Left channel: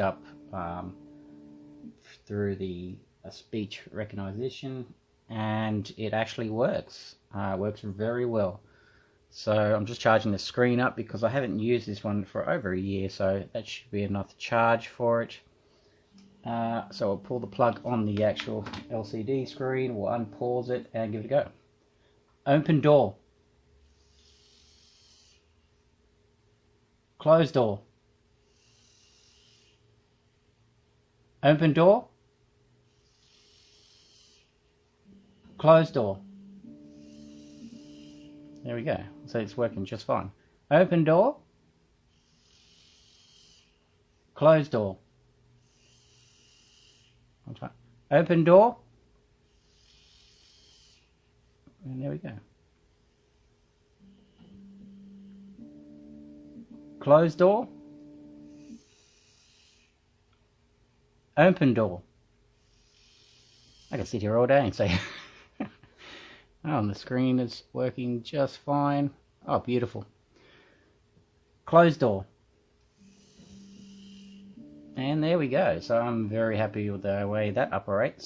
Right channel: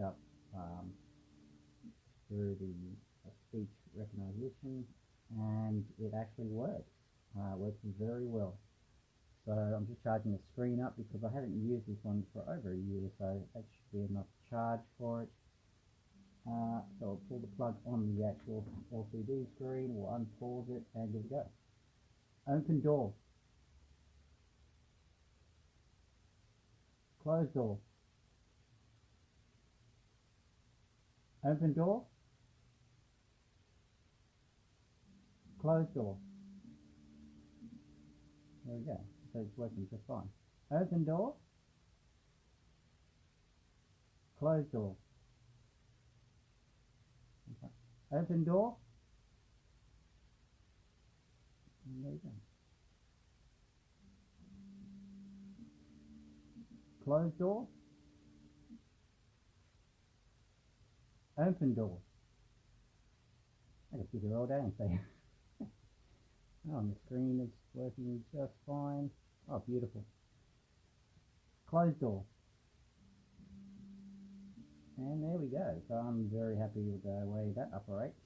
looked up through the speech recognition, and it actually works. Works very well. So I'm just charging the screen up because I haven't used this one for over a year, so that should be enough charge for it. So I'll pull the plug on the actual LCD screen, we'll unpause it and give it a go. Open door. Close door. Open door. Close door. There we go. So it's working just fine. Open door. Close door. Open door. And there we go. Close door. Open door. I can sit here all day and say, oh, the screen is working just fine. Oh, beautiful. Close door. And there we go. So I'm very happy with the way that operates.